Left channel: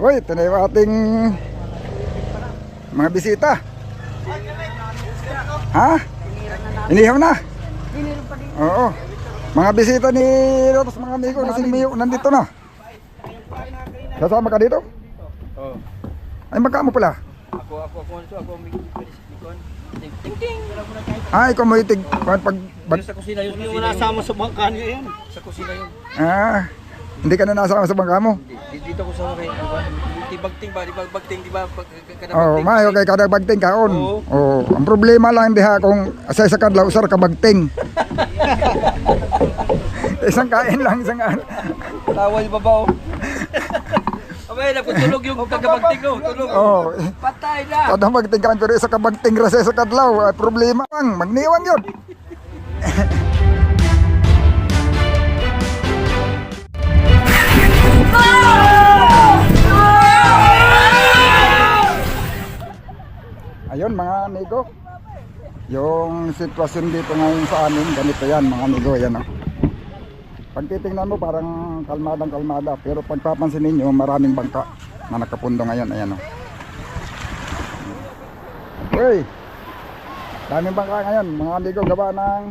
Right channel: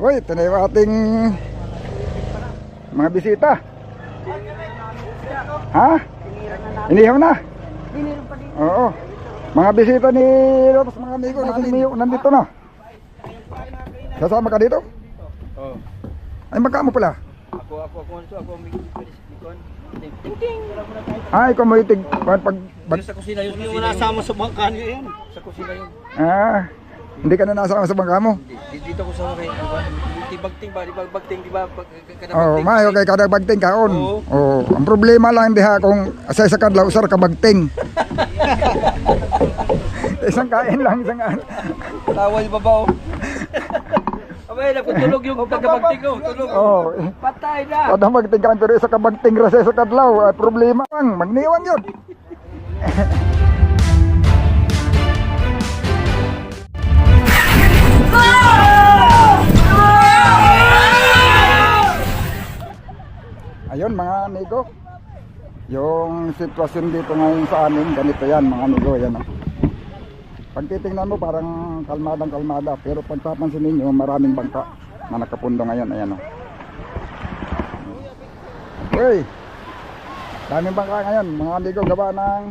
Uy, ito na yung ating mga bisita. Ha? Inihaw na? Oo. Mga bisita ni Rotos, mga amigo, nandito na. Kasama ka dito? Oo. Ay, magkamo pala? Ako, mikon. Ting. Ah, ikaw mo itig. Sa kusina yun. Yung nasama sa bangka niyo yan. Sa kusina yun. Ah, hindi ka na nasama sa bangka mo? Dito ko sa kay Tibagting ba? Di ba? Oo, mayo kay kada bagting kaon. Oo. Oo. Ang problema lang diha kung sa kadlaw usar ka bagting. Isang kain lang, isang ano. Tawa yung babaw. Abay, naputulog yung tagabagting ko. Tulog. Oo. Patay na. Kada bagting kaon pero isa ka bagting ra sa kadlaw. Ay, problema lang, magniwang yun. Ayun mga amigo, yung sitwasyon dito ngayon sa amin, ganito yan mga amigo, yan o. Pag titingnan mo parang kalmadang-kalmada, pero pagpapansin ninyo maraming bangka na nakapundo ngayon, ayan o. Uy, daming bangka ngayon mga amigo, gawa ng,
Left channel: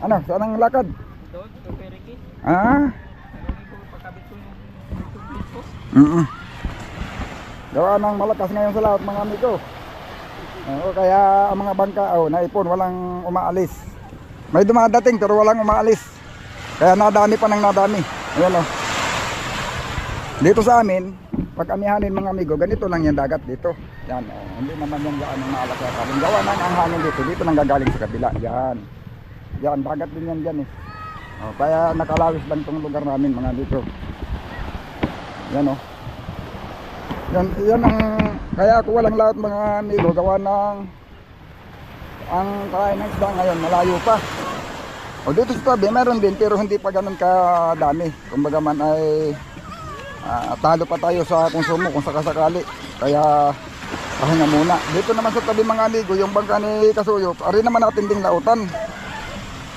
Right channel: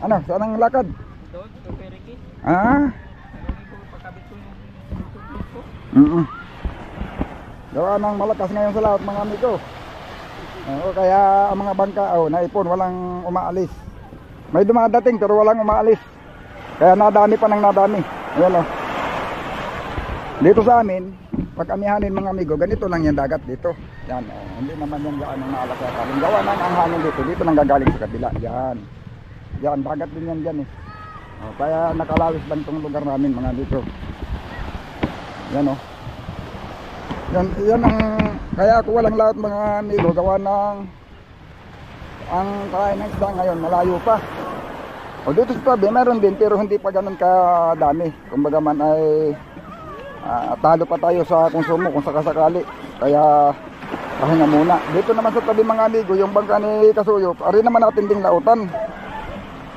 ano, saan ang lakad? Doon, Periki. Ah? Gawa ng malakas ngayon sa lahat mga amigo. Oo, kaya ang mga bangka naipon, walang umaalis. May dumadating pero walang umaalis. Kaya nadami pa ng nadami. Ayan o. Dito sa amin, pag amihanin mga amigo, ganito lang yung dagat dito. Yan o. Hindi naman yung gaan ng maalakyakan. Yung gawa ng ang hangin dito, dito lang gagaling sa kabila. Yan. Yan, dagat din yan dyan eh. O, kaya nakalawis lang itong lugar namin mga amigo. Yan o. Yan ang kaya ako walang lahat mga amigo gawa ng ang kain ng isda ngayon malayo pa. O dito sa tabi meron din pero hindi pa ganun kadami. Kumbaga man ay talo pa tayo sa konsumo kung sakasakali. Kaya pahinga muna. Dito naman sa tabi mga amigo yung bangka ni Kasuyo, ari naman natin ding lautan.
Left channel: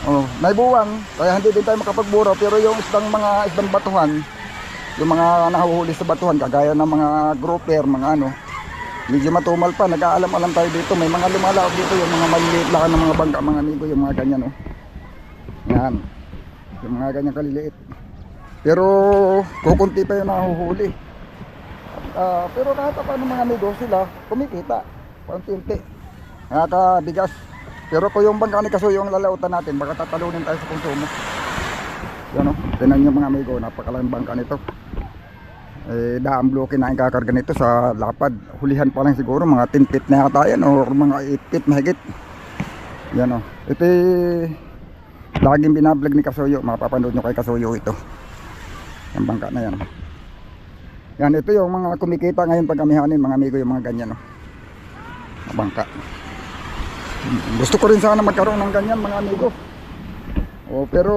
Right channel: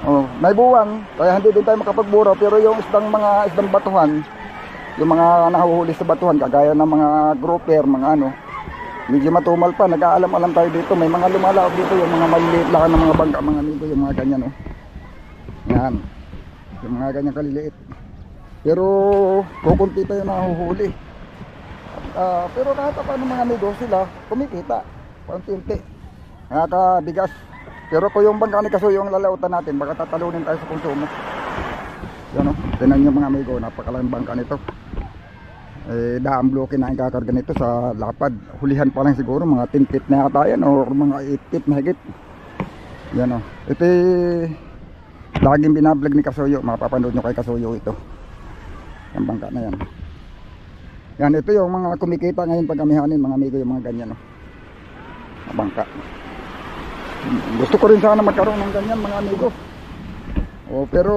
Oh, may buwang kaya hindi din tayo makapagburo pero yung mga isdang batuhan, yung mga nahuhuli sa batuhan kagaya ng mga grouper, mga ano, medyo matumal pa, nag-aalam-alam tayo dito. May mga lumalaog dito, yung mga maliliit lang ng mga bangka mga amigo, yung mga ganyan yan, yung mga ganyan kaliliit, pero kukunti pa yung nahuhuli. Pero kahit pa ng mga amigo sila kumikita paunti-unti, nakakabigas. Pero kung yung bangka ni Kasuyo yung lalautan natin, baka tatalunin tayo sa konsumo. Yan o, tinan nyo mga amigo, napakalang bangka nito. Daang bloke na ang kakarga nito sa lapad. Hulihan pa lang siguro mga 10 feet na yata yan o mga 8 feet mahigit. Yan o, ito laging binablog ni Kasuyo. Mapapanood nyo kay Kasuyo ito, yung bangka na yan. Yan, ito yung mga kumikita ngayon pag amihanin mga amigo, yung mga ganyan o, bangka. Gusto ko rin sana magkaroon ng ganyan mga amigo. Pero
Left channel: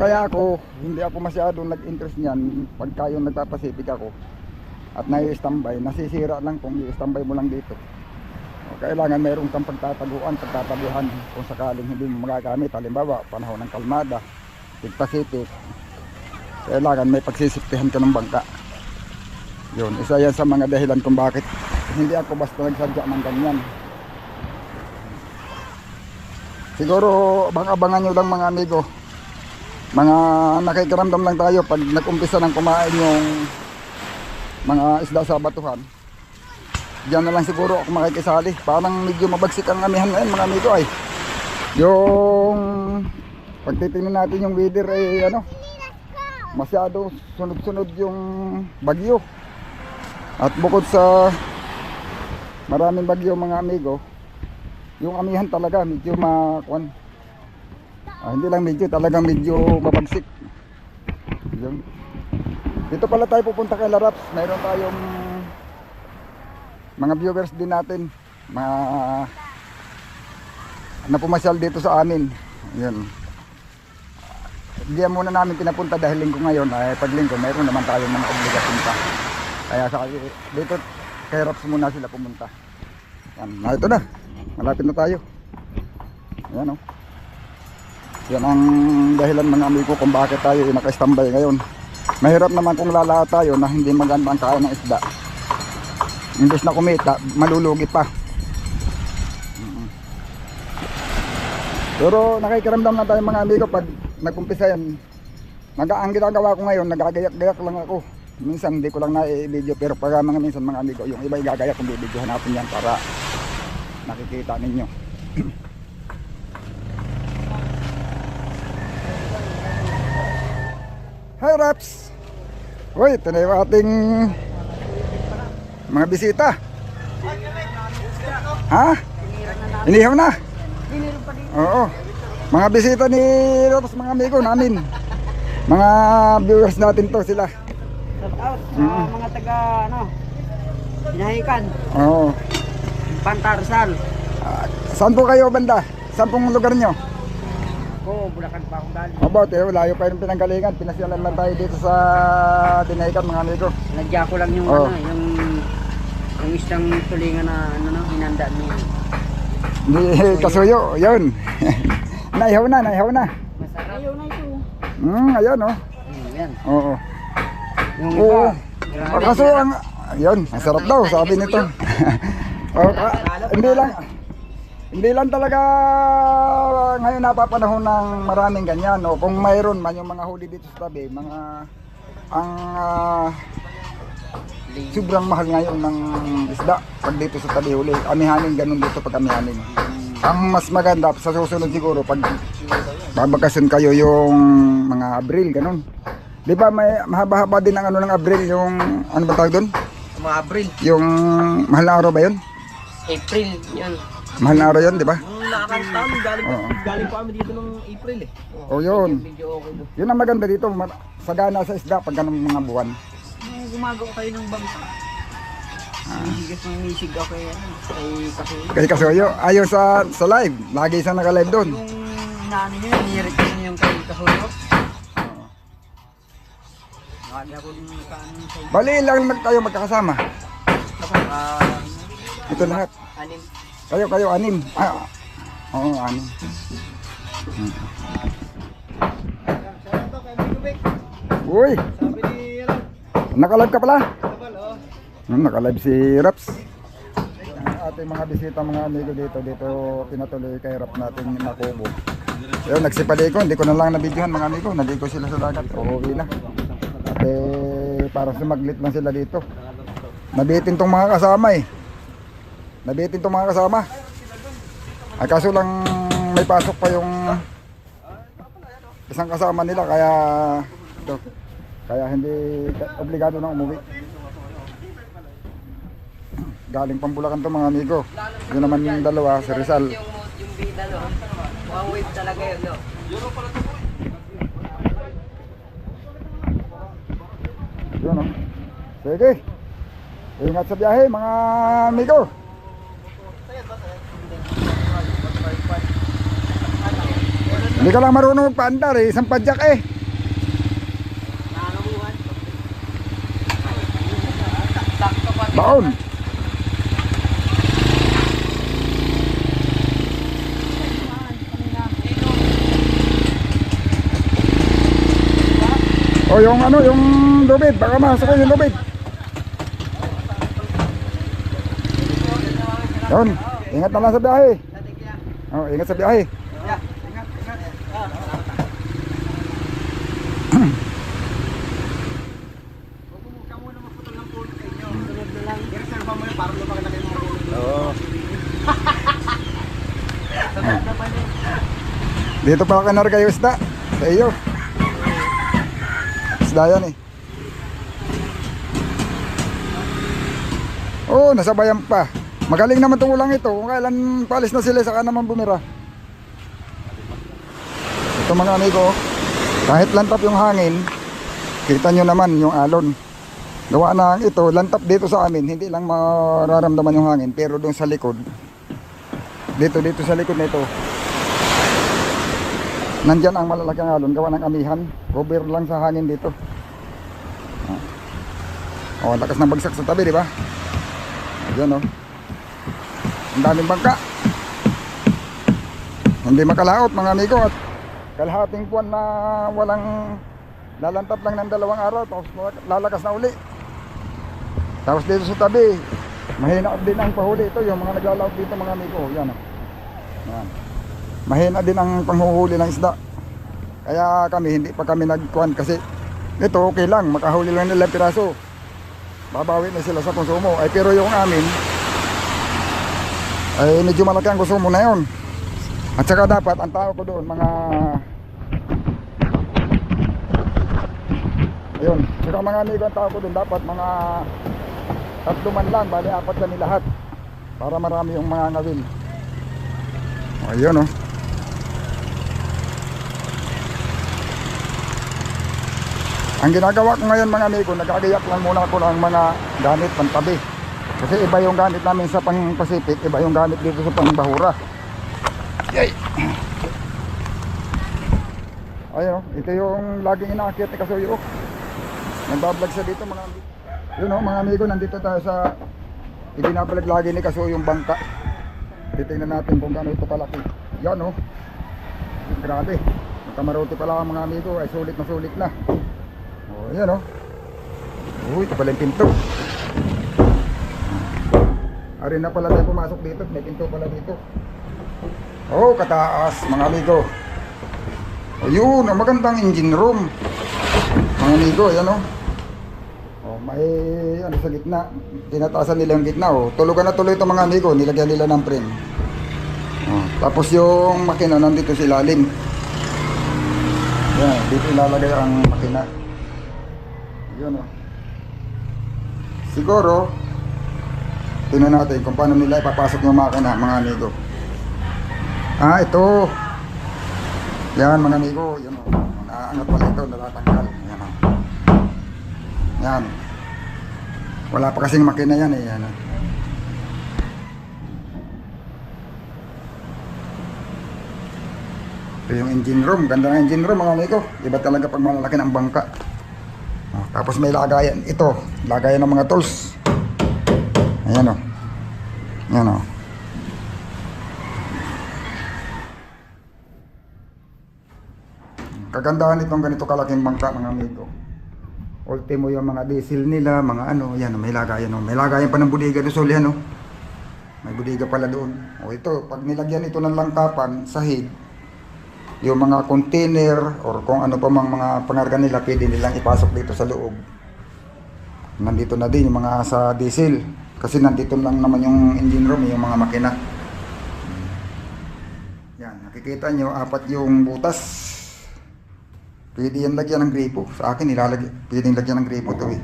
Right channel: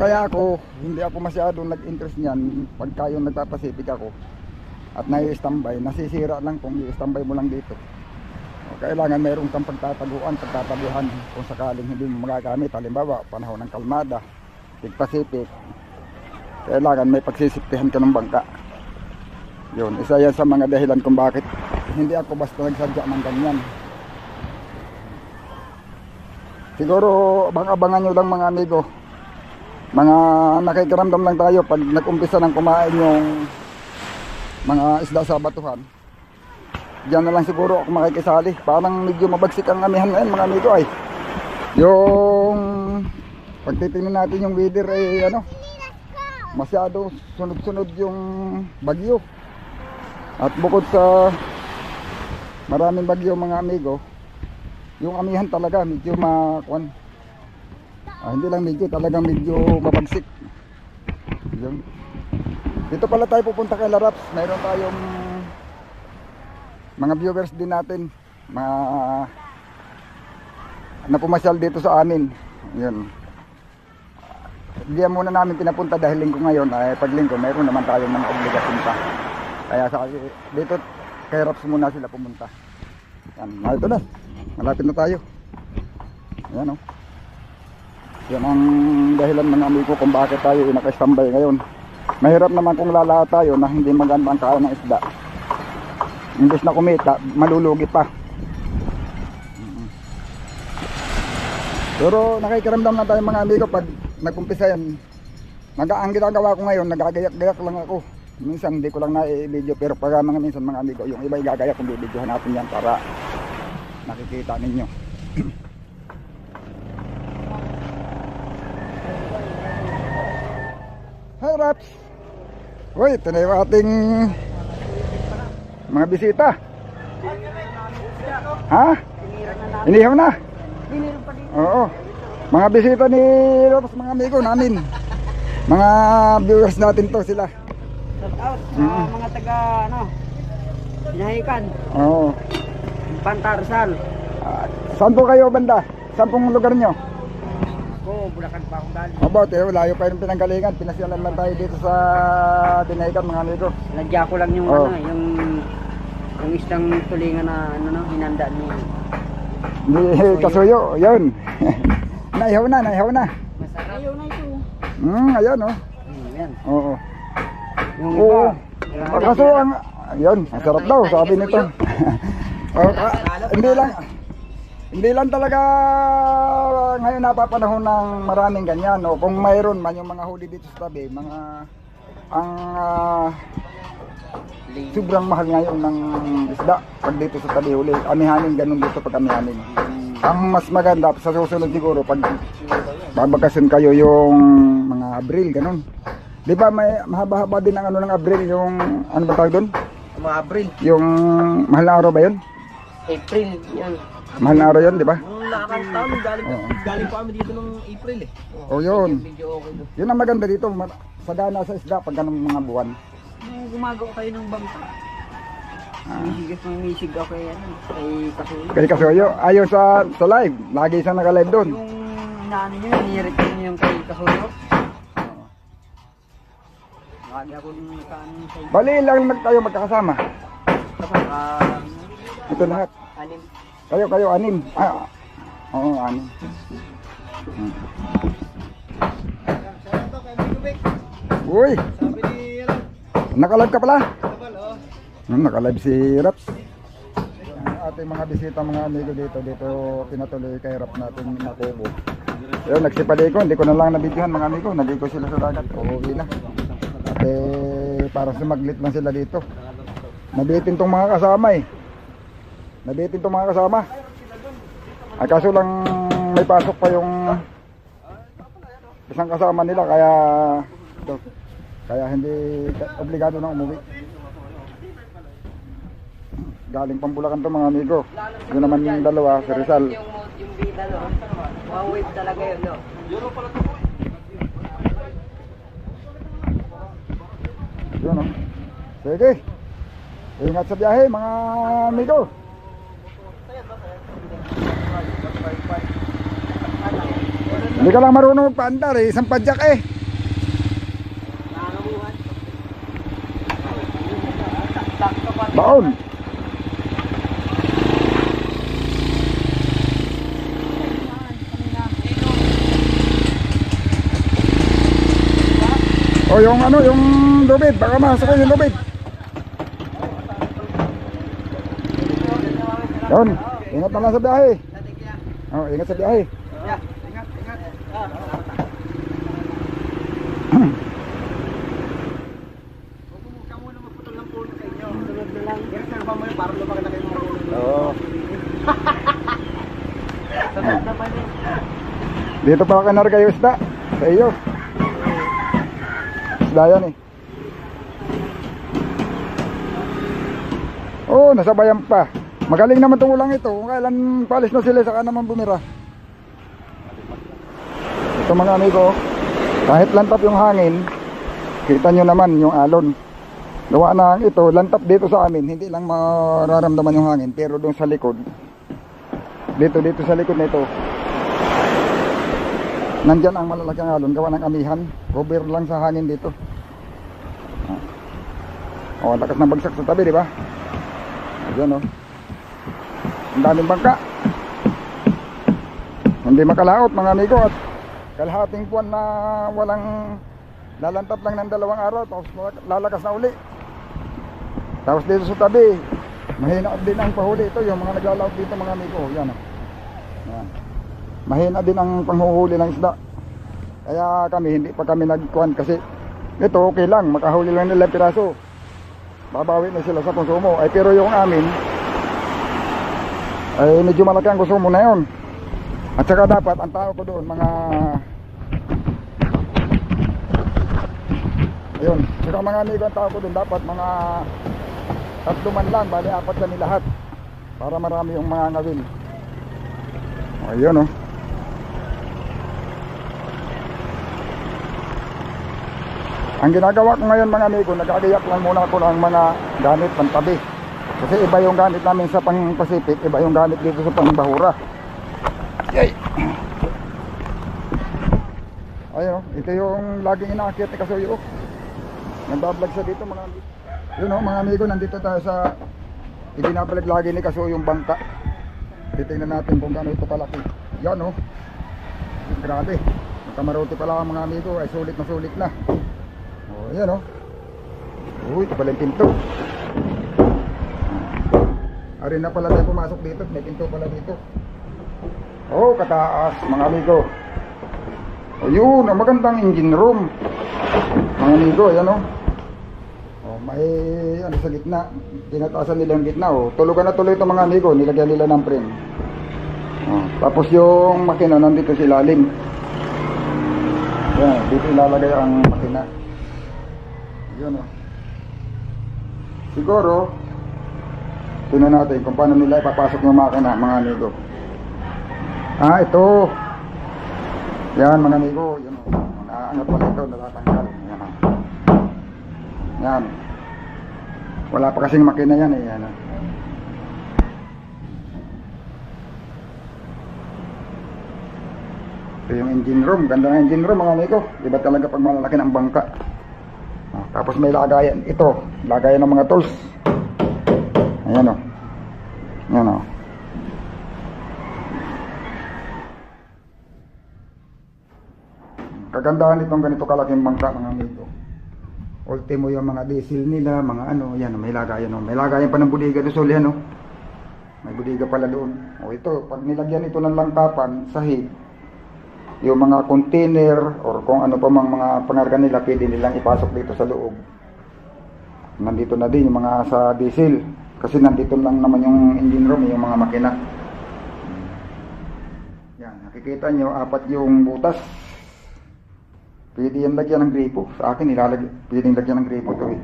kaya ako, hindi ako masyadong nag-interest niyan pagka yung nagpapasipik ako at nai-standby, nasisira lang kung i-standby mo lang dito. Kailangan mayroong kang pagtataguan, pagtatabihan kung sakaling hindi mo magagamit. Halimbawa, panahon ng kalmada, tig-pasipik, kailangan may pagsisiptihan ka ng bangka. Yun, isa yan sa mga dahilan kung bakit hindi ako basta nagsadya ng ganyan. Siguro abang-abangan nyo lang mga amigo, mga nakikiramdam lang tayo pag nag-umpisa ng kumain yung mga isda sa batuhan. Diyan na lang siguro ako makikisali. Parang medyo mabagsik ang amihan ngayon mga amigo ay. Yung pagtitingnan natin yung weather ay ano, masyado sunod-sunod yung bagyo. At bukod sa maraming bagyo mga amigo, yung amihan talaga medyo makuan. Hindi lang medyo, talagang medyo mabagsik. Yun. Dito pala tayo pupunta kay Laraps. Mayroon tayong mga viewers din natin, mga napumasyal dito sa amin. Yun. Diyan muna namin pinapunta dahil linggo ngayon. Ay pag linggo mayroon naman tayong mga obligasyon pa. Kaya dito kay Raps muna sila pumunta. Yan, ito na. Malapit na tayo. Ayan o. Yan ang dahilan mga amigo kung bakit tayo naka-standby ngayon. Mahirap naman kung lalahat tayo na hindi maganda ang kain ng isda. Imbes na kumita, malulugi pa. Pero nakikiramdam na tayo mga amigo pag nag-umpisa yan. Ang ginagawa ko ngayon, nagagayak-gayak lang ako. Minsan hindi ko lang na-video, pero pag mga minsan mga amigo, yung iba igagayak kung bibidyohan natin yan para nakikita ninyo. Hi Raps! Uy, ito na yung ating mga bisita. Ha? Inihaw na? Oo. Mga bisita ni Raps, mga amigo namin. Mga viewers natin to sila. Shout out sa mga taga Pinahikan, Oo. Pantarsal. Saan po kayo banda? Saan pong lugar nyo? Ako, Bulacan pa akong galing. About eh, layo pa yung pinanggalingan. Pinasyalan lang tayo dito sa Tinaykan mga amigo. Nadya ko lang yung Oh. yung isang tulingan na hinanda ni. Hindi kasuyo, yun. Naihaw na. Masarap. Ayaw na ito. Ayan oh. Yan. Oo. Yung Oo. iba. Kaso ang, yun, ang sarap daw, sabi nito. Hindi lang talaga ngayon napapanahon ng maraming ganyan. O kung mayroon man yung mga huli dito sa tabi, sobrang mahal ngayon ng isda pag dito sa tabi huli. Amihanin, ganun dito pag amihanin. Ang mas maganda sa susunod siguro pag babakasyon kayo yung mga Abril, ganun. Di ba may mahaba-haba din ang ng Abril, yung ano ba tawag doon? Mga Abril. Yung mahal na araw ba yun? April, yan. Mahal na araw yun, di ba? Nung nakakang taon, galing pa kami dito nung April eh. O yun. Medyo okay doon. Yun ang maganda dito, sagana sa isda pag ganun mga buwan. Nung gumagawa kayo ng bangka. Misig ako yan. Kay Kay Kasuyo. Kasuyo, ayaw sa live, lagi isang naka-live doon. Yung inaano nyo, nirequest nyo yung kay Kasuyo. Lagi ako nung nakaano sa iyo. Bali lang tayo magkakasama. Kapag Ito lahat. anim. Kayo, anim. Oo, anim. Uy! Sabi ni Naka-live ka pala? Kapal, oh. Naka-live si Raps. Ang ating mga bisita, mga amigo dito pinatuloy kay Rap natin nakubo. Ayun, nagsipaliko, hindi ko na lang nabidyohan mga amigo. Nandito sila sa dagat, uuwi na. At parang sumaglit lang sila dito. Nabitin tong mga kasama eh. Nabitin tong mga kasama. Ay kaso lang may pasok pa yung isang kasama nila kaya hindi obligado na umuwi. Galing pang Bulacan to mga amigo. Yun naman yung dalawa, si Rizal. Yung bida, no? One wave talaga yun, no? Yun oh. Sige. Ingat sa biyahe mga amigo. Hindi ka lang marunong magpaandar eh, isang padyak eh. Baon. O yung ano, yung lubid, baka masok yung lubid. Yun, ingat na lang sa biyahe. Oh, ingat sa biyahe. Oo. Dito pa kanar kayo isda. Sa iyo. Isda yan eh. Oh, nasabayan pa. Magaling naman itong ulang ito. Kung kailan palis na sila, saka naman bumira. Ito mga amigo, kahit lantap yung hangin, kita nyo naman yung alon. Gawa na ito, lantap dito sa amin, hindi lang mararamdaman yung hangin, pero doon sa likod, dito sa likod nito, nandyan ang malalaking alon, gawa ng amihan, cover lang sa hangin dito. Oh, lakas ng bagsak sa tabi, di ba? Ayan oh. Ang daming bangka. Hindi makalaot mga amigo, at kalahating buwan na walang lalantap lang ng 2 araw, tapos lalakas na uli. Tapos dito sa tabi, Mahina din ang pahuli ito, yung mga naglalawag dito mga amigo. Yan o. Yan. Mahina din ang panghuhuli ng isda. Kaya kami, hindi pa kami nagkuhan kasi ito okay lang, makahuli lang nila piraso. Babawi na sila sa konsumo. Ay pero yung amin, ay medyo malaki ang konsumo na yun. At saka dapat, ang tao ko doon, mga ayun, saka mga amigo, ang tao ko doon, dapat mga 3 man lang, bali 4 kami lahat para marami yung mga ngawil. Ayun o. Ang ginagawa ko ngayon mga amigo, nagkagayak lang muna ako ng mga gamit pantabi. Kasi iba yung gamit namin sa pang-Pacific, iba yung gamit dito sa pang-Bahura. Yay! Ayun, ito yung laging inaakit ni Kasuyo. Nagbablog siya dito mga amigo. Yun o mga amigo, nandito tayo sa ibinablog lagi ni Kasuyo yung bangka. Titingnan natin kung gaano ito kalaki. Yan o. Grabe. Yung kamarote pala mga amigo ay sulit na sulit na. O yan o. Uy, ito pala yung pinto. Ari na pala tayo pumasok dito. May pinto pala dito. Oh, kataas mga amigo. O yun, ang magandang engine room. Mga amigo, yan o. Oh, may ano sa gitna, tinataasan nila yung gitna. Oh. Tulugan na tuloy ito mga amigo, nilagyan nila ng frame. Oh, tapos yung makina nandito sa ilalim. Yan, dito ilalagay ang makina. Yun oh. Siguro, tingnan natin kung paano nila ipapasok yung makina mga amigo. Ah, ito. Yan mga amigo, yun oh. Naangat pala ito, natatanggal. Yan oh. Yan. Wala pa kasing makina yan eh. Yan. Ito yung engine room. Ganda ng engine room mga amigo. Iba talaga pag malalaki ng bangka. Oh, tapos may lagayan. Ito. Lagayan ng mga tools. Ayan o. Ayan o. Kagandahan itong ganito kalaking bangka mga amigo. Ultimo yung mga diesel nila, mga ano, yan, may lagayan, no? May lagayan pa ng budiga doon, so yan, no? May budiga pala doon. O ito, pag nilagyan ito ng langkapan, sahig, yung mga container, or kung ano pa mga pangarga nila, pwede nilang ipasok dito sa loob. Nandito na din yung mga sa diesel, kasi nandito lang naman yung engine room, yung mga makina. Yan, nakikita nyo, 4 yung butas. Pwede yan lagyan ng gripo. Sa akin nilalagyan, pwedeng lagyan ng gripo to eh.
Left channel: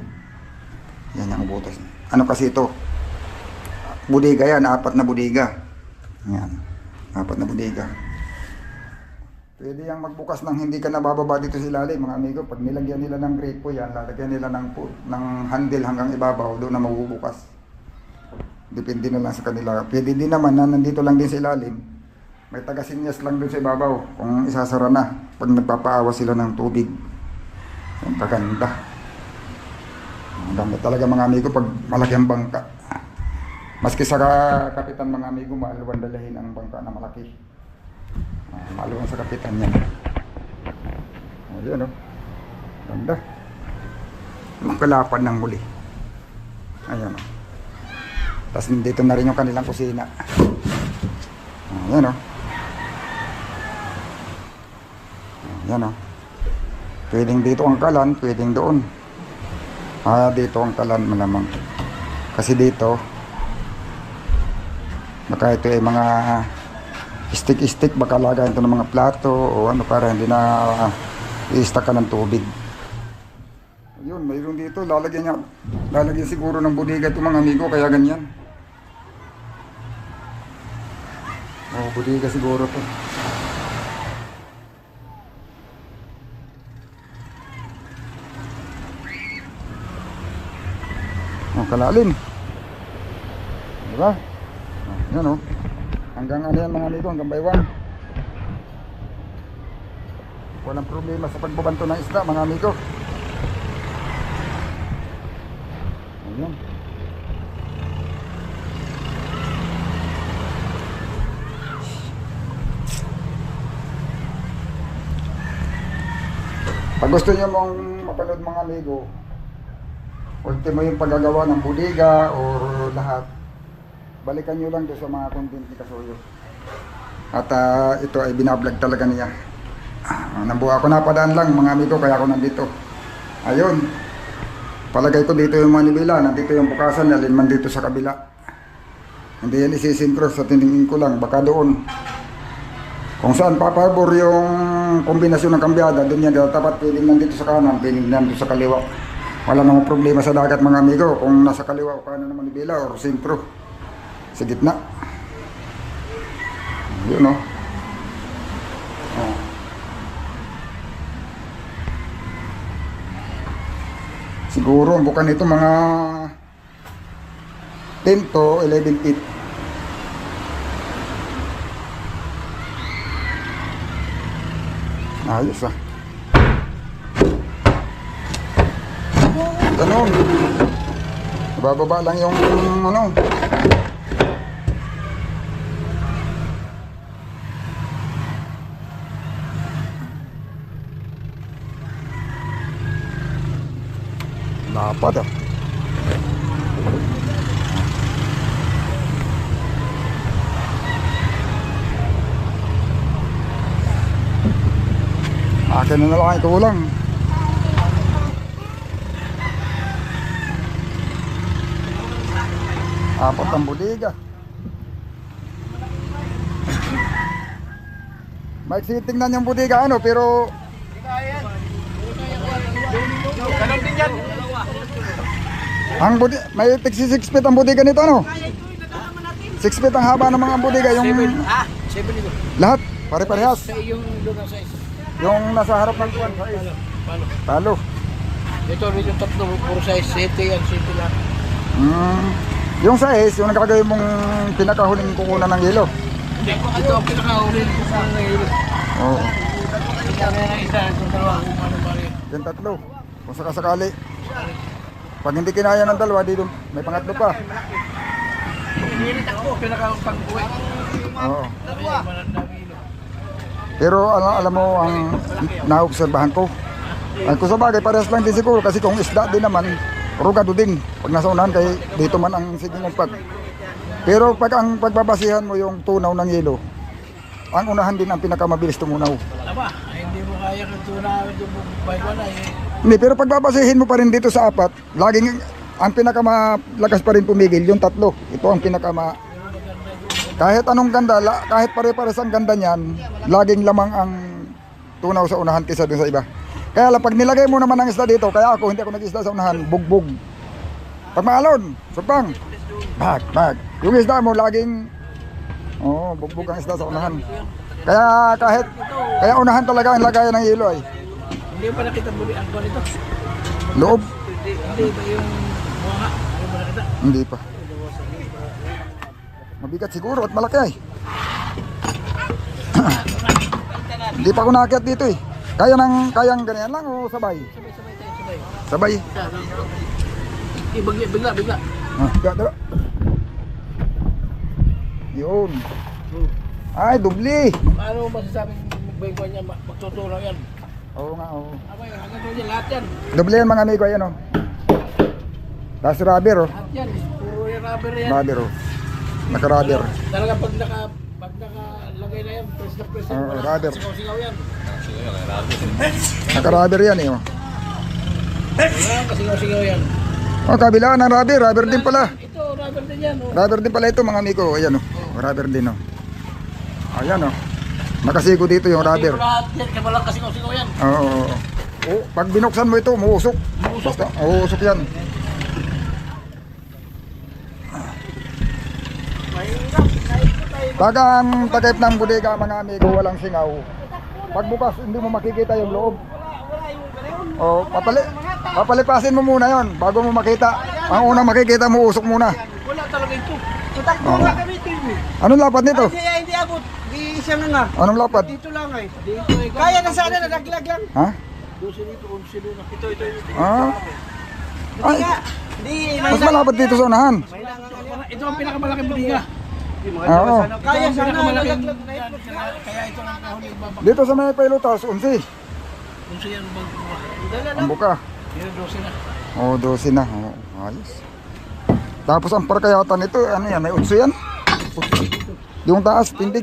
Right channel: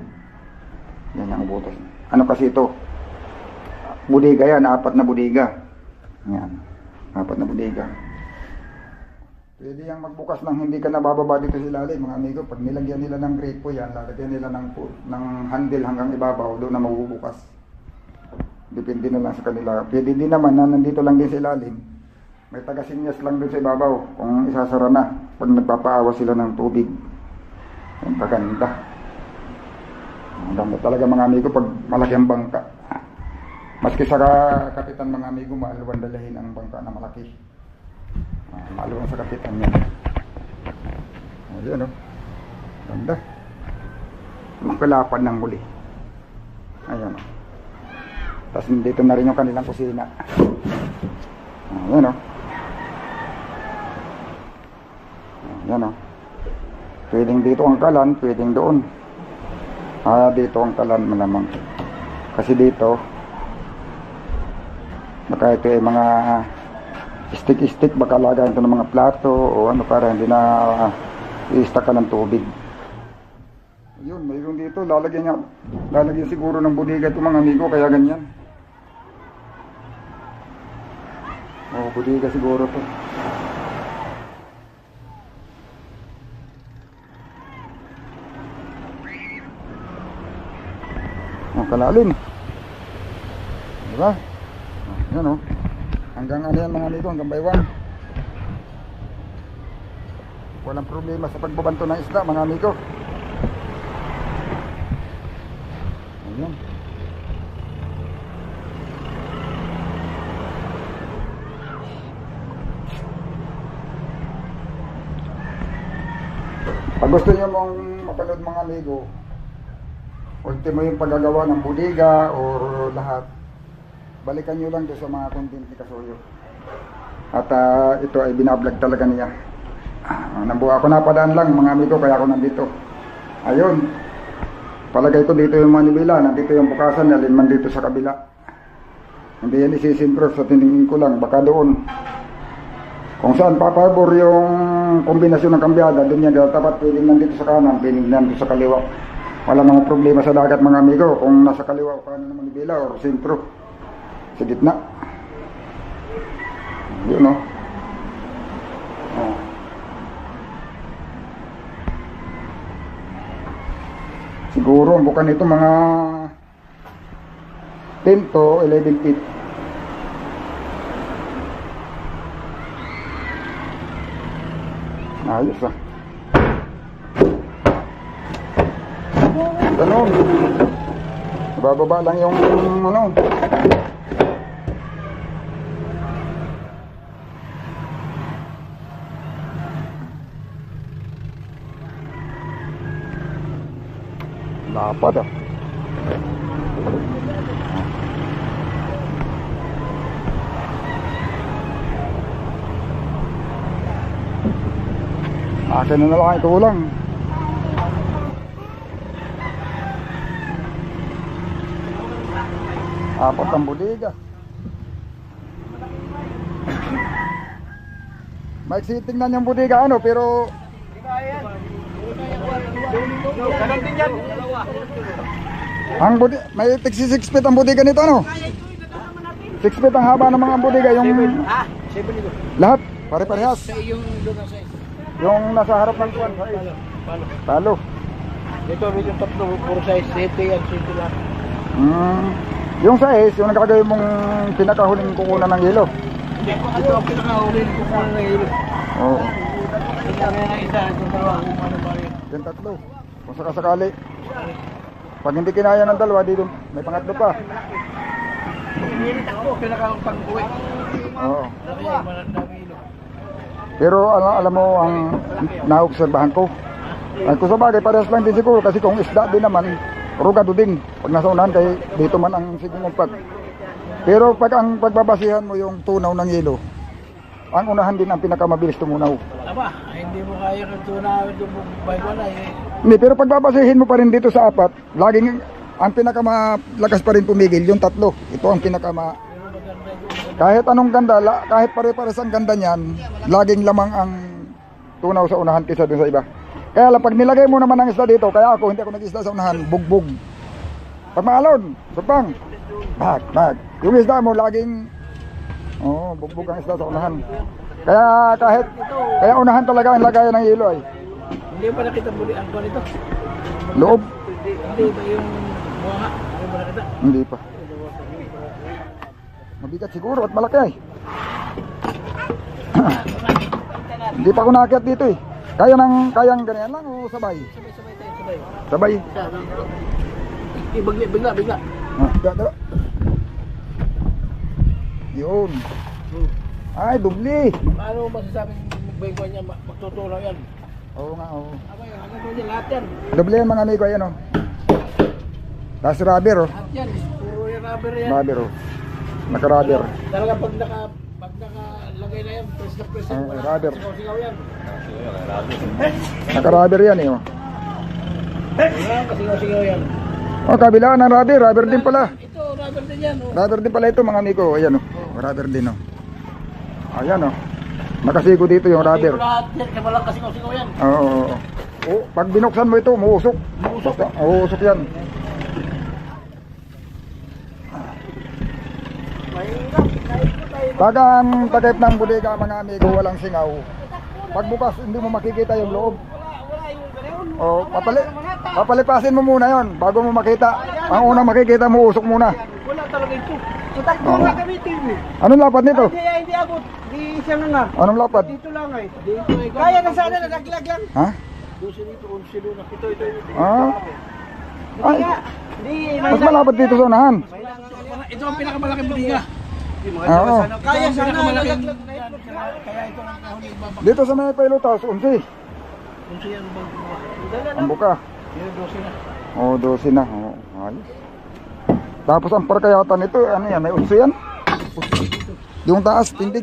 Yan yung butas. Ano kasi ito? Budiga yan, 4 na budiga. Yan, 4 na budiga. Pwede yang magbukas ng hindi ka nabababa dito sa ilalim mga amigo. Pag nilagyan nila ng gripo yan, lalagyan nila ng handle hanggang ibabaw, doon na mabubukas. Depende na lang sa kanila. Pwede din naman na nandito lang din sa ilalim. May taga-sinyas lang doon sa ibabaw kung isasara na pag nagpapaawa sila ng tubig. Ang paganda. Ang ganda talaga mga amigo pag malaki ang bangka. Maski sa kapitan mga amigo, maaluan dalahin ang bangka na malaki. Maaluan sa kapitan yan. Ayan o. Ganda. Magkalapan ng muli. Ayan o. Tapos dito na rin yung kanilang kusina. Ayan o. Yan o. Pwedeng dito ang kalan, pwedeng doon. Dito ang kalan malamang. Kasi dito, baka ito ay mga stick-stick, baka lagayan ito ng mga plato o ano para hindi na i-stack ka ng tubig. Yun, mayroon dito, lalagyan siguro ng budiga ito mga amigo, kaya ganyan. Budiga siguro to. Kalalim. Diba? Yan o. Hanggang ano yan mga amigo, hanggang baywang. Walang problema sa pagbabanto ng isda mga amigo. Ayan. Pag gusto nyo mong mapanood mga amigo, ultimo yung paggagawa ng budiga or lahat, balikan nyo lang doon sa mga content ni Kasuyo. At ito ay binablog talaga niya. Nabuha ako, napadaan lang mga amigo, kaya ako nandito. Ayun, palagay ko dito yung Manibela, nandito yung bukasan, alin man dito sa kabila. Hindi yan isisinkros sa tiningin ko lang, baka doon. Kung saan papabor yung kombinasyon ng kambyada, doon yan tapat, pwedeng nandito sa kanan, pwedeng nandito sa kaliwa. Wala namang problema sa dagat mga amigo, kung nasa kaliwa o kanan ng Manibela o sentro, sa gitna. Yun o. Oh. Siguro ang bukan nito mga 10 to 11 feet. Ayos ah. Ganun. Bababa lang yung ano. Dapat ah. Akin na lang ito lang. Apat ang bodega. Maiksi tingnan yung bodega ano, pero Ganon din yan. ang bodega, may 6 feet ang bodega nito ano? 6 feet ang haba ng mga bodega yung 7 ito. lahat, pare-parehas. Sa yung doon ang size. Yung nasa harap ng kuwan, talo. Ito rin yung tatlo, puro size 7 yan, 7 lang. Yung size, yung nakalagay mong pinakahuling kukunan ng yelo. Hindi ko, ito ang pinakahuli ko sa ngayon. Oo. Ito ang isa, itong dalawa, kung ano ba rin. Yung tatlo. Kung sakasakali. Pag hindi kinaya ng dalawa, dito may pangatlo pa. Pinakapag-uwi. Oo. Kaya manandang ilo. Pero alam mo ang naobserbahan ko. Kung sa bagay, parehas lang din siguro. Kasi kung isda din naman, rugado din. Pag nasa unahan, kay dito man ang siging umpag. Pero pag ang pagbabasihan mo yung tunaw ng yelo, ang unahan din ang pinakamabilis tumunaw. Aba, hindi mo kaya kung tunawin yung bike wala eh. Hindi, pero pagbabasihin mo pa rin dito sa apat, laging ang pinakamalakas pa rin pumigil, yung tatlo. Ito ang pinakama... Kahit anong ganda, kahit pare-pares ang ganda niyan, laging lamang ang tunaw sa unahan kaysa dun sa iba. Kaya lang, pag nilagay mo naman ang isda dito, kaya ako hindi ako nag-isda sa unahan, bugbog. Pag maalon, supang, bag. Yung isda mo laging, bugbog ang isda sa unahan. Kaya unahan talaga ang lagayan ng yelo ay. Hindi pa nakita muli ang kuwan ito. Loob, Hindi ba yung buha? Ano ba nakita? hindi pa. Mabigat siguro at malaki ay. Hindi pa ako naakyat dito eh. Kayang ganyan lang o sabay? Sabay tayo, sabay. Sabay. Bigla. Dala. Yun. Ay, dubli. Paano masasabing magbay niya magtutulong yan? Oo nga, oo. Abay, hanggang doon yan, lahat yan. Dubli yan mga amigo, ayan o. Tapos rubber o. Lahat yan, puro yung rubber yan. Rubber o. Naka-rubber. Talaga pag nakalagay na yan, press na press. Oo, Wala, rubber. Singaw-singaw yan. Naka-rubber yan eh o. Wala, singaw-singaw yan. O, kabila ng rubber. Rubber din pala. Ito, rubber din yan. Oh. Rubber din pala ito mga amigo. Ayan o. Rubber din o. Ayan o. Nakasigo dito yung rubber. Ito lahat yan, kaya walang kasingaw-singaw yan. Oo. Oh, pag binuksan mo ito, muusok. Basta, uusok yan. Pag ang takip ng bodega mga amigo, walang singaw. Pagbukas, hindi mo makikita yung loob. O, papalipasin mo muna yon bago mo makita. Ang unang makikita mo, usok muna. Wala talaga ito. Itakbo nga kami TV. Anong lapad nito? Hindi abot. Di siya na nga. Anong lapad? Dito lang ay. Dito ay. Kaya na sana nalaglag lang. Ha? 12 dito, 11 doon. Ito. Ah? Ay, Di, mas malapad dito sa unahan. ito ang pinakamalaking bodega. Oo. Kaya sana nalaglag na ito. Kaya ito ang kahon ibabak. Dito sa may Pailotas, 11. Kung siya ang Ang buka. Pero 12 na. Oo, 12 na. Oo, ayos. Tapos ang parkayatan nito, ano yan, may utso yan. Yung taas, tindig.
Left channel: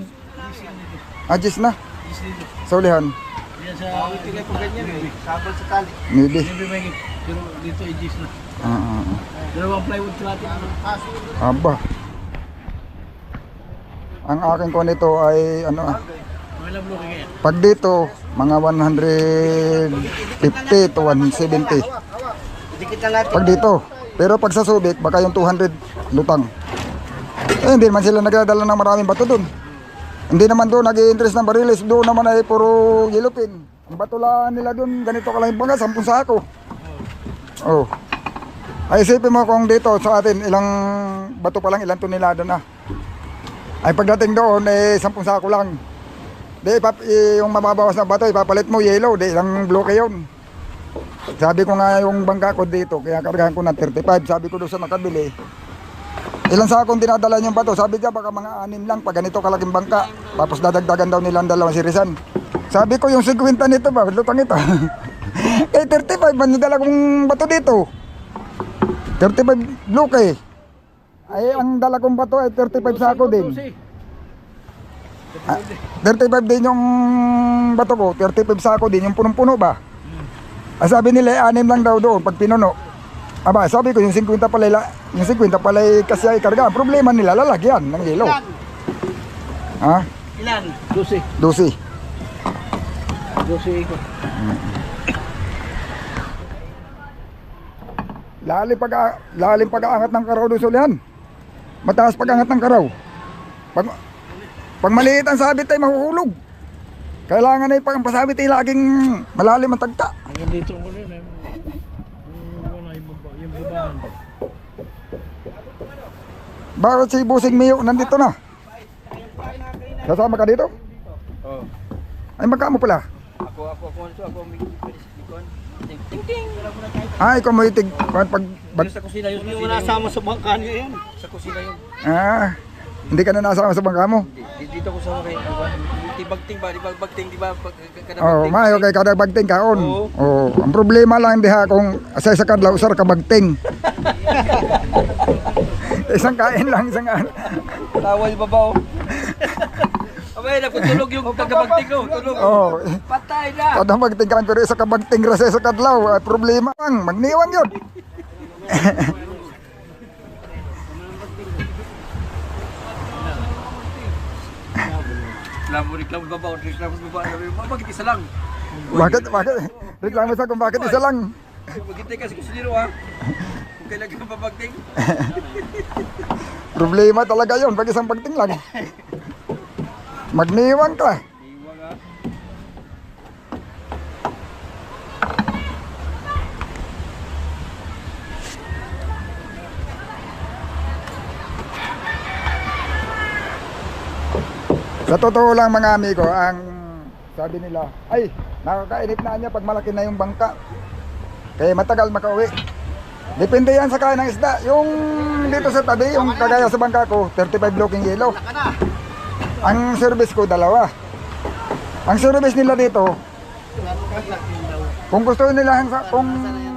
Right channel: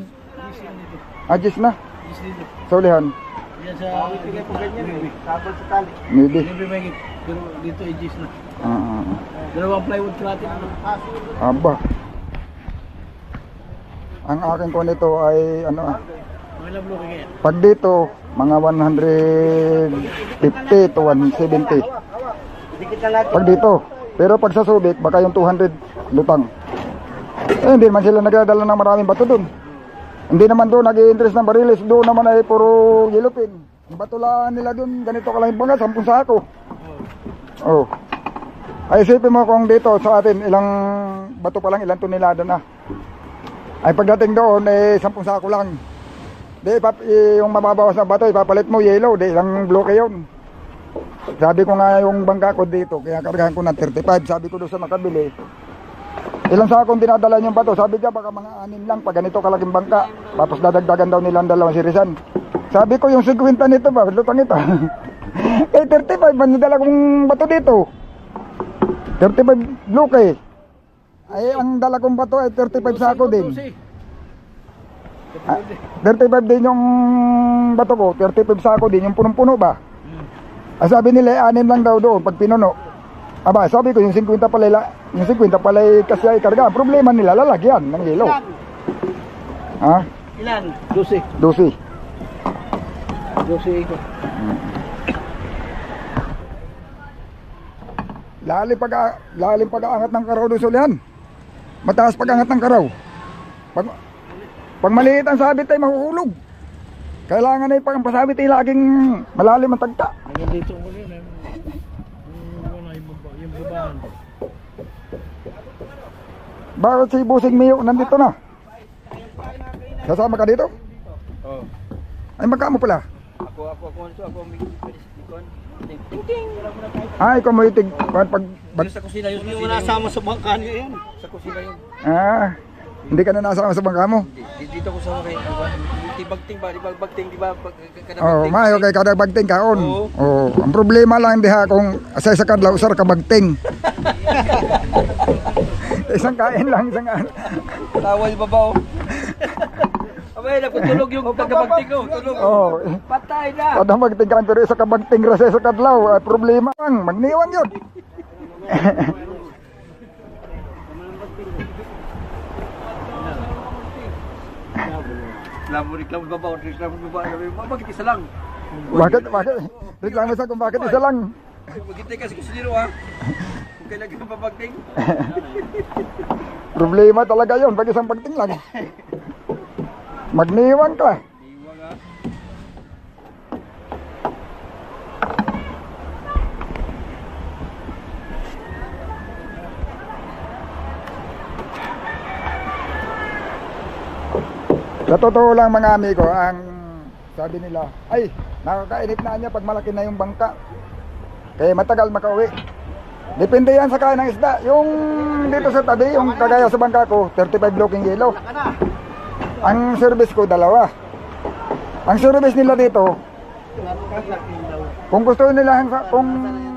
Adjust na. Sa ulihan. Yan sa ibigay po ganyan. Sabon sa tali. Maybe. Pero dito i-gis na. Ah. Dalawang plywood cladding. Aba. Ang akin ko nito ay ano, Mga lablo kaya. pag dito, mga 150 to 170. Dikit na natin. Pag dito. Pero pag sa Subic, baka yung 200 lutang. Eh, hindi naman sila nagdadala ng maraming bato doon. Hindi naman doon nag-i-interest ng barilis. Doon naman ay puro gilupin. Yung batulaan nila doon, ganito ka lang yung bangga, 10 sako. Oh. Ay isipin mo kung dito sa atin, ilang bato pa lang, ilang tonelada na. Ay pagdating doon, eh 10 sako lang. Di, yung mababawas na bato, ipapalit mo yellow, di ilang bloke yun. Sabi ko nga yung bangka ko dito, kaya kargahan ko ng 35. Sabi ko doon sa nakabili, ilan sa akong dinadala yung bato? Sabi niya baka mga 6 lang pag ganito kalaking bangka. Tapos dadagdagan daw nilang 2 sirisan. Sabi ko yung 50 nito ba, lutang ito. Eh 35 man yung dala kong bato dito. 35 bloke. Ay ang dala kong bato ay 35 sako din. 35 din yung bato ko, 35 sako din yung punong-puno ba? Sabi nila 6 lang daw doon pag pinuno. Aba, sabi ko yung 50 pala, yung 50 pala kasi ay karga. Problema nila lalagyan ng yelo. Ha? Ilan? 12. 12. 12 ko. Lalim pag-aangat ng karaw doon sa ulihan. Mataas pag-angat ng karaw. Pag maliit ang sabit ay mahuhulog. Kailangan ay pag ang pasabit ay laging malalim ang tagta. Hanggang dito ko rin. Wala yung babahan. Bakit si Busing Miyo nandito na? Kasama ka dito? Oo. Ay magkamo pala. Ako ang mikon. Ting ting. Ay kumuitig pag Sa kusina yun. Hindi mo nasama sa bangka niyo yan. Sa kusina yun. hindi ka na nasama sa bangka mo. Dito ko sa kay tibagting ba? Bagting di ba? Oh, mayo kay kada bagting kaon. Oo. Oh, ang problema lang diha kung asay sa kadlaw usar ka bagting. Isang kain lang, isang ano. Tawa yung babaw. Abay, nagtulog yung tagabagting ko. Tulog. Oh, Patay na. kada bagting kaon pero isa ka bagting ra sa kadlaw, ay problema lang, magniwan yun. Reklamo babaw. Bakit isa lang? Bakit? Reklamo sa kung bakit isa lang. Maghintay ka sa kusinero ha. Kung kailan ka babagting. Problema talaga yon pag isang bagting lang. Magniwan ka. Iwa nga. Sa totoo lang mga amigo, ang sabi nila, ay nakakainip na niya pag malaki na yung bangka. Kaya matagal makauwi. Depende yan sa kain ng isda. Yung dito sa tabi, yung kagaya sa bangka ko, 35 blocking yellow. Ang service ko, 2. Ang service nila dito, kung gusto nila, kung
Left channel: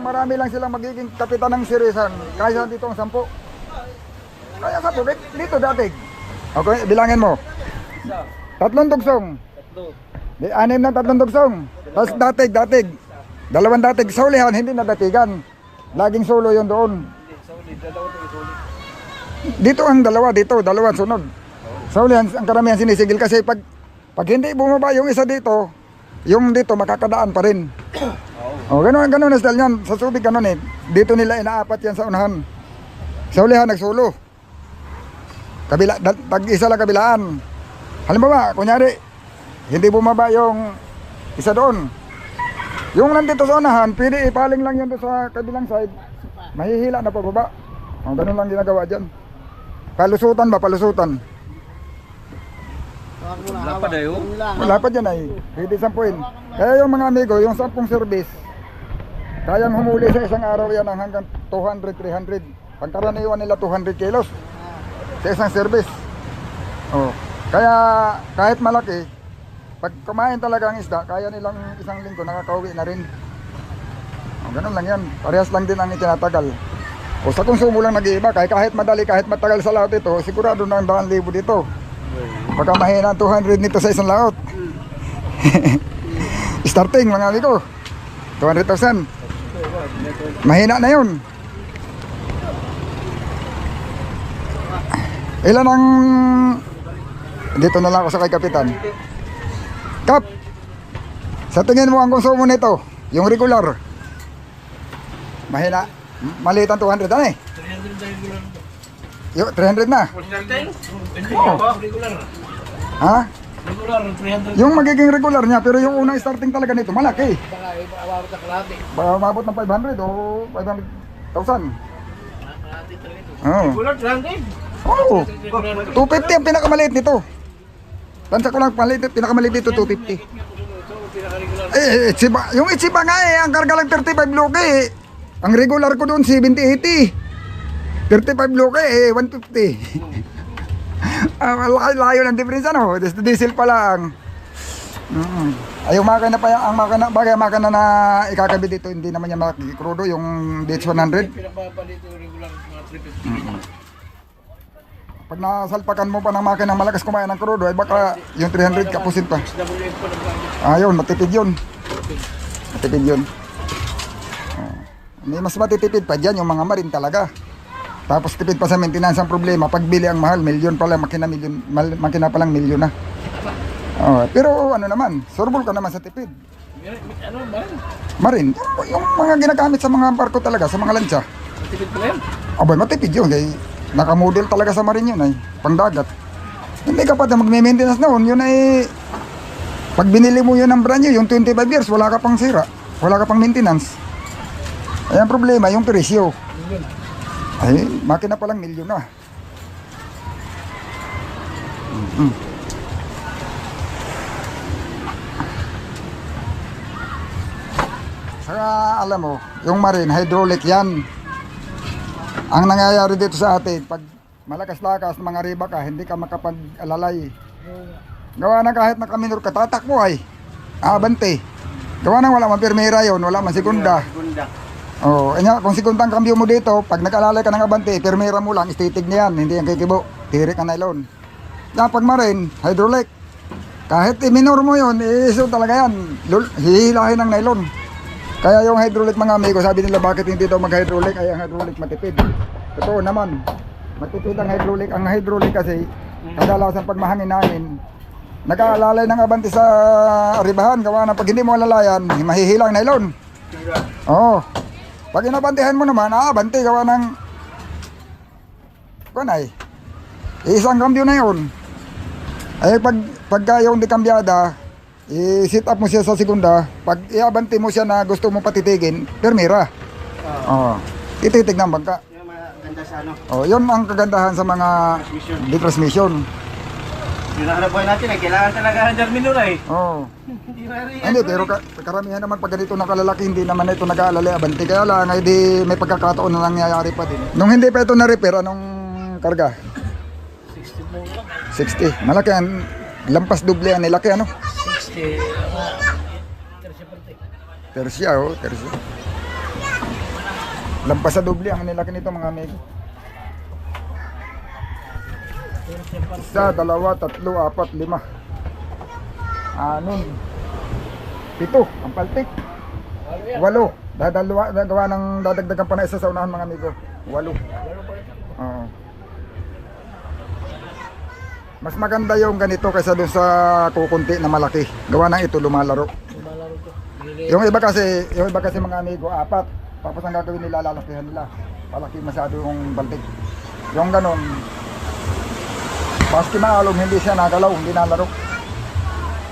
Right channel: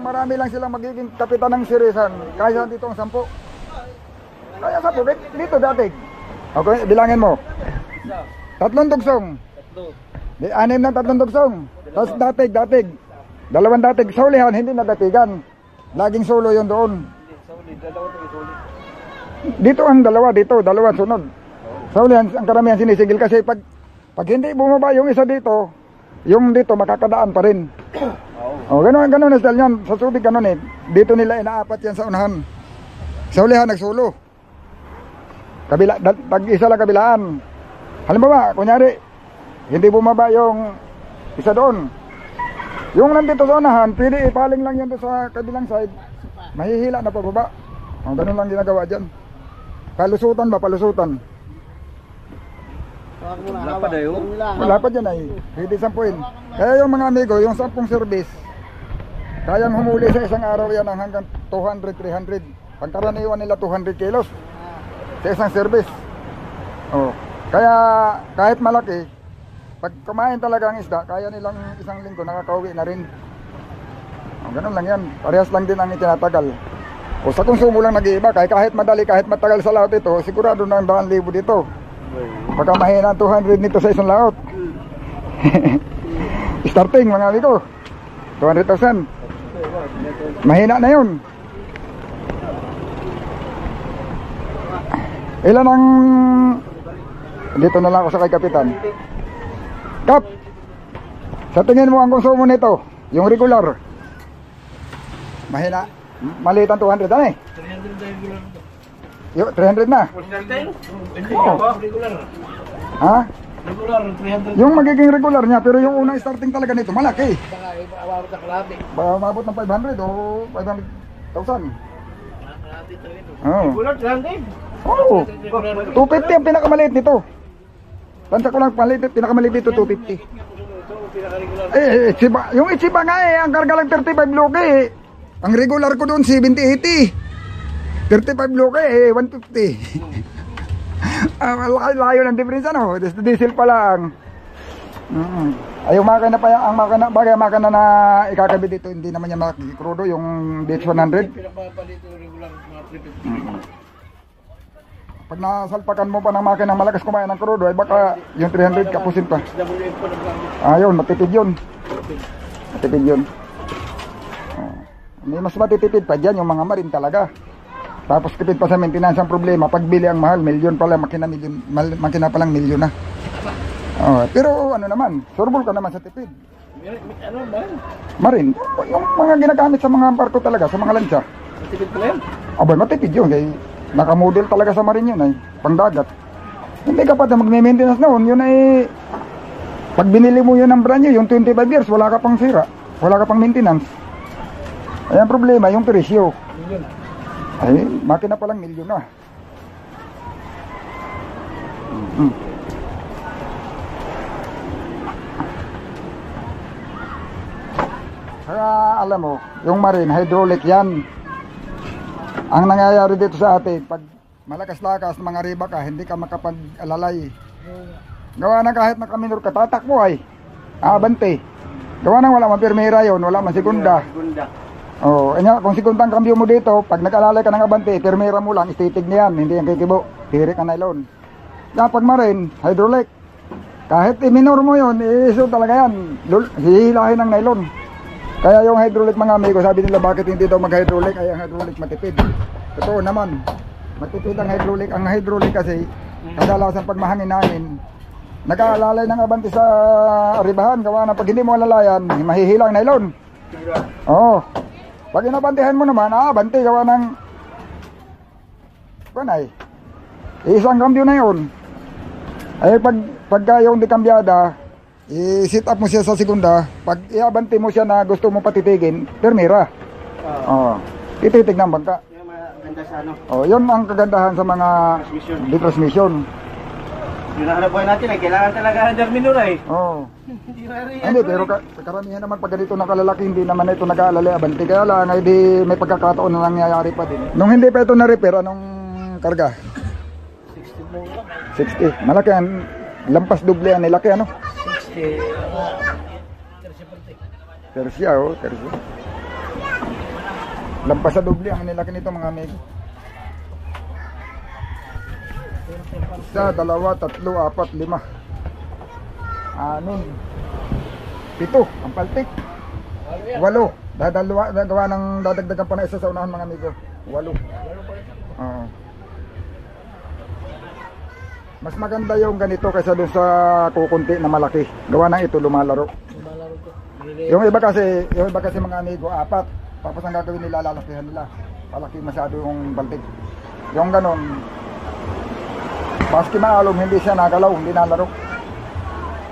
marami lang silang magiging kapitan ng sirisan, kaya dito ang 10. Kaya 10, dito datig. Okay, bilangin mo. 3 tugsong. 6 na 3 tugsong. Tapos datig. 2 datig. Sa ulihan, hindi na datigan. Laging solo yon doon. Dito ang 2, dito 2 sunod. Sa ulihan, ang karamihan sinisigil kasi pag hindi bumaba yung isa dito, yung dito makakadaan pa rin. Oh, ganun ang style niyan. Sa Subic ganun eh. Dito nila inaapat yan sa unahan. Sa ulihan nagsulo. Tag-isa lang kabilaan. Halimbawa, kunyari, hindi bumaba yung isa doon. Yung nandito sa unahan, pwede ipaling lang yan doon sa kabilang side. Mahihila na pababa. O, ganun lang ginagawa dyan. Palusutan ba? Palusutan. Lapad ayo. Wala pa dyan ay. Pwede 10. Kaya yung mga amigo, yung 10 service, kayang humuli sa isang araw yan ng hanggang 200, 300. Pagkaraniwan nila 200 kilos sa isang service. Oh. Kaya kahit malaki, pag kumain talaga ang isda, kaya nilang isang linggo nakakauwi na rin. Oh, ganun lang yan. Parehas lang din ang itinatagal. O sa konsumo lang nag-iiba, kahit madali, kahit matagal sa laot ito, sigurado na ang 2,000 dito. Baka mahina ang 200 nito sa isang laot. Starting mga amigo, 200,000. Mahina na yun. Ilan ang... Dito na lang ako sa kay Kapitan. Kap, sa tingin mo ang konsumo nito, yung regular, mahina, maliit ang 200, ano eh? 300 na. Ha? Regular, 300. Yung magiging regular niya, pero yung unang starting talaga nito, malaki. Baka umabot ng 500 o 500,000. Oo. Regular, 300. Oo. 250 ang pinakamaliit nito. Tansa ko lang, pinakamaliit dito, 250. Ichiba. Yung Ichiba nga eh, ang karga lang 35 loke eh. Ang regular ko doon, 70-80. 35 loke eh, 150. Layo ng diferensya no, diesel pa lang. Ay, yung makina pa yan, ang makina, bagay makina na ikakabit dito, hindi naman yan makikrudo, yung DH100. Pinapapalito regular mga 350. Pag nasalpakan mo pa ng makina malakas kumain ng krudo, ay baka yung 300 kapusin pa. WF pa naggamit. Ayun, matipid yun. Matipid yun. May mas matitipid pa dyan yung mga marin talaga. Tapos tipid pa sa maintenance ang problema. Pagbili ang mahal, milyon pala, makina pa lang milyon na. Pero ano naman, surbol ka naman sa tipid. Ano ba? Marin, yung mga ginagamit sa mga barko talaga, sa mga lansya. Matipid pala yan. Abay, matipid yun. Kaya nakamodel talaga sa marin yun ay pangdagat. Hindi ka pa na magme-maintenance noon, yun ay pag binili mo yun ng brand new, yung 25 years, wala ka pang sira, wala ka pang maintenance. Ay ang problema, yung presyo. Ay, makina pa lang milyon na. Saka alam mo, yung marine, hydraulic yan. Ang nangyayari dito sa atin, pag malakas-lakas mga riba ka, hindi ka makapag-alalay. Gawa na kahit nakaminor ka, tatakbo ay. Abante. Gawa na wala man pirmera yun, wala man segunda. Oh, kung segundang kambyo mo dito, pag nag-alalay ka ng abante, pirmera mo lang, istitig na yan, hindi yan kikibo. Tirik ang nylon. Kapag marine, hydraulic. Kahit i-minor mo yun, iso talaga yan. Hihilahin ng nylon. Kaya yung hydraulic mga amigo, sabi nila bakit hindi daw mag-hydraulic, ay ang hydraulic matipid. Totoo naman, matipid ang hydraulic. Ang hydraulic kasi, kadalasan pag mahangin-hangin, nag-aalalay ng abante sa ribahan, gawa na pag hindi mo alalayan, mahihilang nylon. Oo. Pag inabantihan mo naman, abante, gawa ng kunay. Isang kambyo na yun. Ay pagka yung dikambyada, i-sit up mo siya sa segunda, pag iabante mo siya na gusto mo patitigin, permira. Tititig ng bangka. Yung maganda sa ano, Yun ang kagandahan sa mga transmission. yung nahanap buhay natin, kailangan talaga ng terminal eh. Hindi, pero karamihan naman pag ganito nakalalaki, hindi naman ito nag-aalalay abante. Kaya lang, ay di may pagkakataon na nangyayari pa din. Nung hindi pa ito na-repair, anong karga? 60. Malaki ang lampas doble yan, nilaki ano? 60. Tersia, tersia. Lampas sa doble ang nilaki nito mga amigo. Isa, dalawa, tatlo, apat, lima. Anon. 7, ang paltik. 8. Gawa ng dadagdagan pa na isa sa unahan mga amigo. 8. Oo. Mas maganda yung ganito kaysa doon sa kukunti na malaki. Gawa ng ito lumalaro. Yung iba kasi mga amigo, 4. Tapos ang gagawin nila, lalakihan nila. Palaki masyado yung baltik. Yung ganon, baski maalong hindi siya nagalaw, hindi nalaro.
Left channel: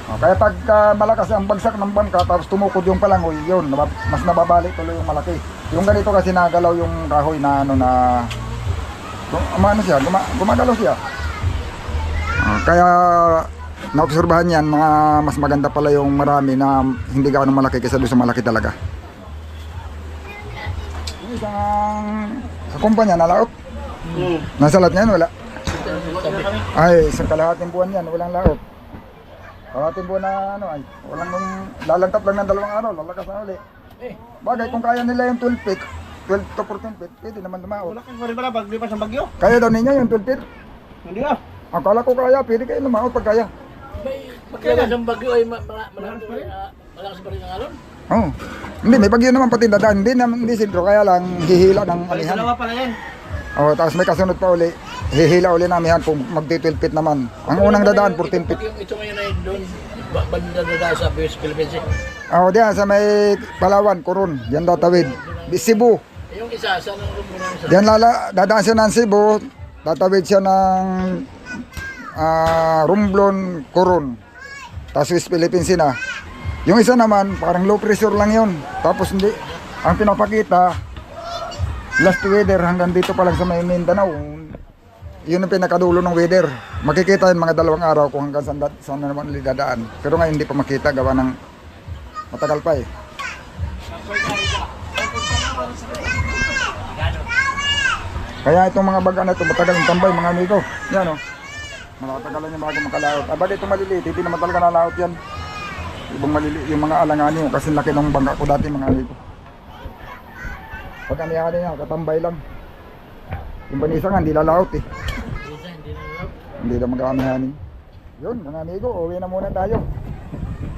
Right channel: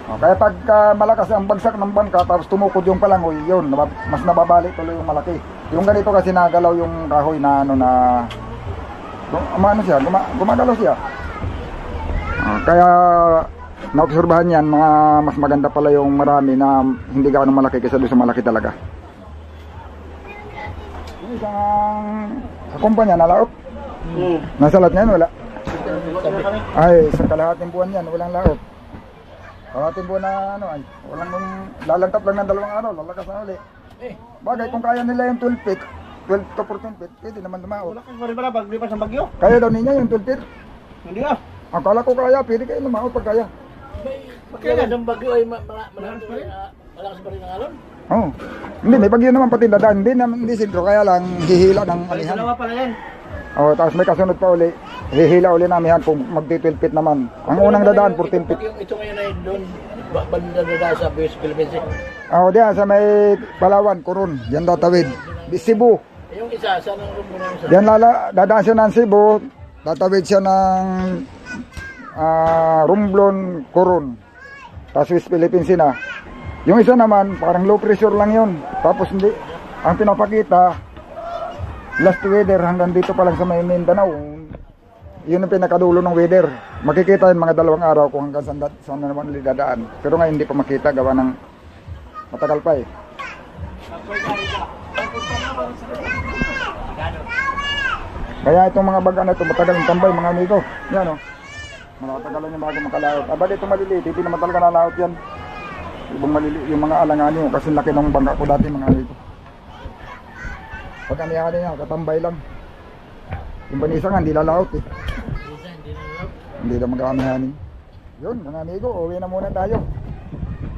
Kaya pag malakas ang bagsak ng bangka tapos tumukod yung palangoy, yun, mas nababalik tuloy yung malaki. Yung ganito kasi nagalaw yung kahoy na gumagalaw siya. Kaya naobserbahan yan, mas maganda pala yung marami na hindi gaano malaki kaysa doon sa malaki talaga. Yung isang sa kumpanya nalaot. Nasa lahat ngayon wala. Ay, isang kalahating buwan yan, walang laot. Kalahating buwan na walang lalantap lang ng 2 araw, lalakas na uli. Bagay kung kaya nila yung 12 feet, 12 to 14 feet, pwede naman lumaot. Wala kang pala pag lipas ng bagyo. Kaya daw ninyo yung 12 feet. Hindi ah. Akala ko kaya, pwede kayo lumaot pag kaya. Pagkaya ng bagyo ay malakas pa rin ang alon. Oo. Hindi, may bagyo naman pati dadaan. Hindi sintro, kaya lang hihila ng amihan. Dalawa pala yan. Oo, tapos may kasunod pa uli. Hihila uli ng amihan kung magti-12 feet naman. Ang unang dadaan, 14 feet. Ito ngayon ay doon, banda na sa Philippines. Oo, diyan sa may Palawan, Coron. Diyan tatawid. Di Cebu. Yung isa, saan ang rumbo namin sa... Diyan dadaan siya ng Cebu. Tatawid siya ng Romblon, Coron. Tapos West Philippines na. Yung isa naman, parang low pressure lang yun. Tapos hindi, ang pinapakita, last weather hanggang dito pa lang sa may Mindanao. Yun ang pinakadulo ng weather. Makikita yun mga 2 araw kung hanggang saan na naman dadaan. Pero ngayon hindi pa makita, gawa ng matagal pa eh. Kaya itong mga baga na ito, matagal ang tambay mga amigo. Yan o. Matatagalan yung bago makalaot. Abad itong maliliit, hindi naman talaga nalaot yan. Ibang maliliit yung mga alanganin mo kasi laki ng bangka ko dati mga amigo. Pag aniyakan niya, katambay lang. Yung banisa nga, hindi lalaot eh. Hindi na mag-aamihanin. Yun mga amigo, uwi na muna tayo.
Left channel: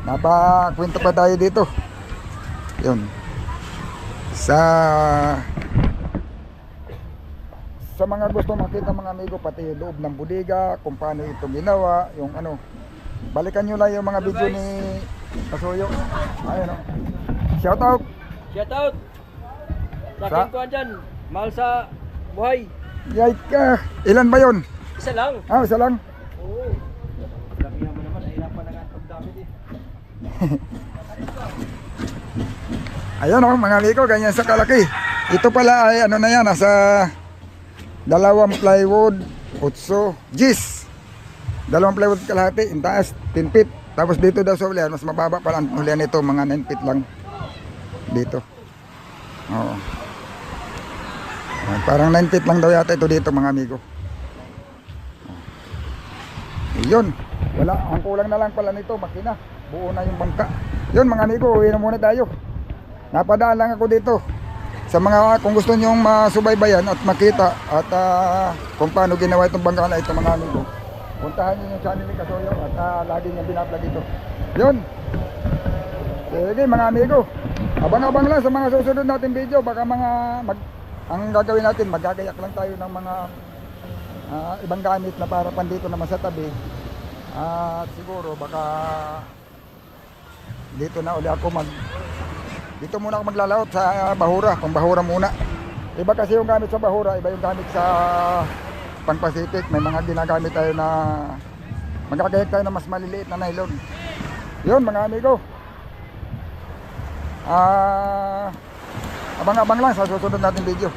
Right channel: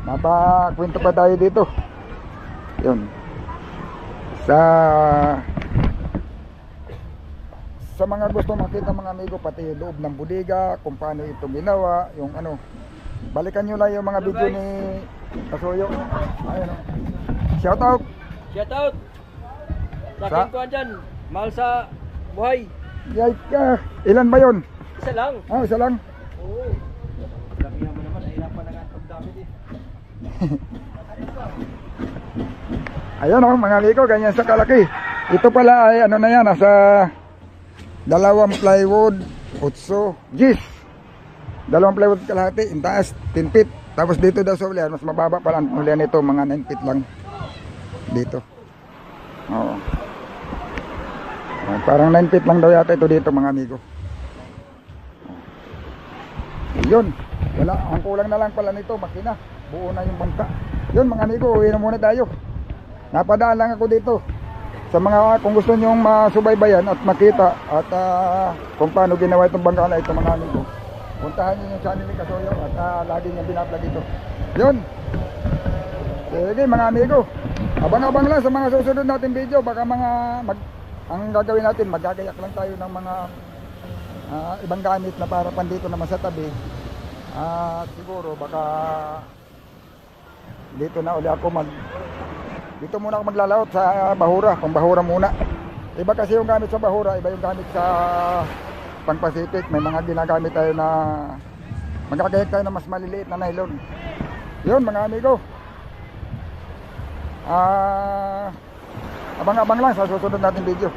Napakwento pa tayo dito. Yun. Sa mga gusto makita mga amigo, pati yung loob ng bodega, kung paano ito ginawa, yung ano. Balikan nyo lang yung mga video ni Kasuyo. Ayun o. Shout out! Shout out! Sa Sa- akin ko dyan, mahal sa buhay. Yay ka! Ilan ba yun? Isa lang. Isa lang. Oo. Dami naman naman, nahirapan na nga ang pagdamit eh. Ayan o mga amigo, ganyan sa kalaki. Ito pala ay ano na yan, nasa 2 plywood, 8 G's. 2 plywood kalahati, in taas, 10 feet. Tapos dito daw sa ulihan, mas mababa pala ang ulihan nito, mga 9 feet lang. Dito. Oo. Parang 9 feet lang daw yata ito dito mga amigo. Yun. Wala, ang kulang na lang pala nito, makina. Buo na yung bangka. Yun mga amigo, uwi na muna tayo. Napadaan lang ako dito. Sa mga, kung gusto nyong masubaybayan at makita at kung paano ginawa itong bangka na ito mga amigo, puntahan nyo yung channel ni Kasuyo at lagi niyang binablog ito. Yun. Sige mga amigo, abang-abang lang sa mga susunod natin video. Baka ang gagawin natin, magagayak lang tayo ng mga ibang gamit na para pandito naman sa tabi. At siguro baka dito na uli ako dito muna ako maglalaot sa Bahura, pang Bahura muna. Iba kasi yung gamit sa Bahura, iba yung gamit sa pang Pacific. May mga ginagamit tayo na magkakayag tayo na mas maliliit na nylon. Yun mga amigo. Abang-abang lang sa susunod natin video.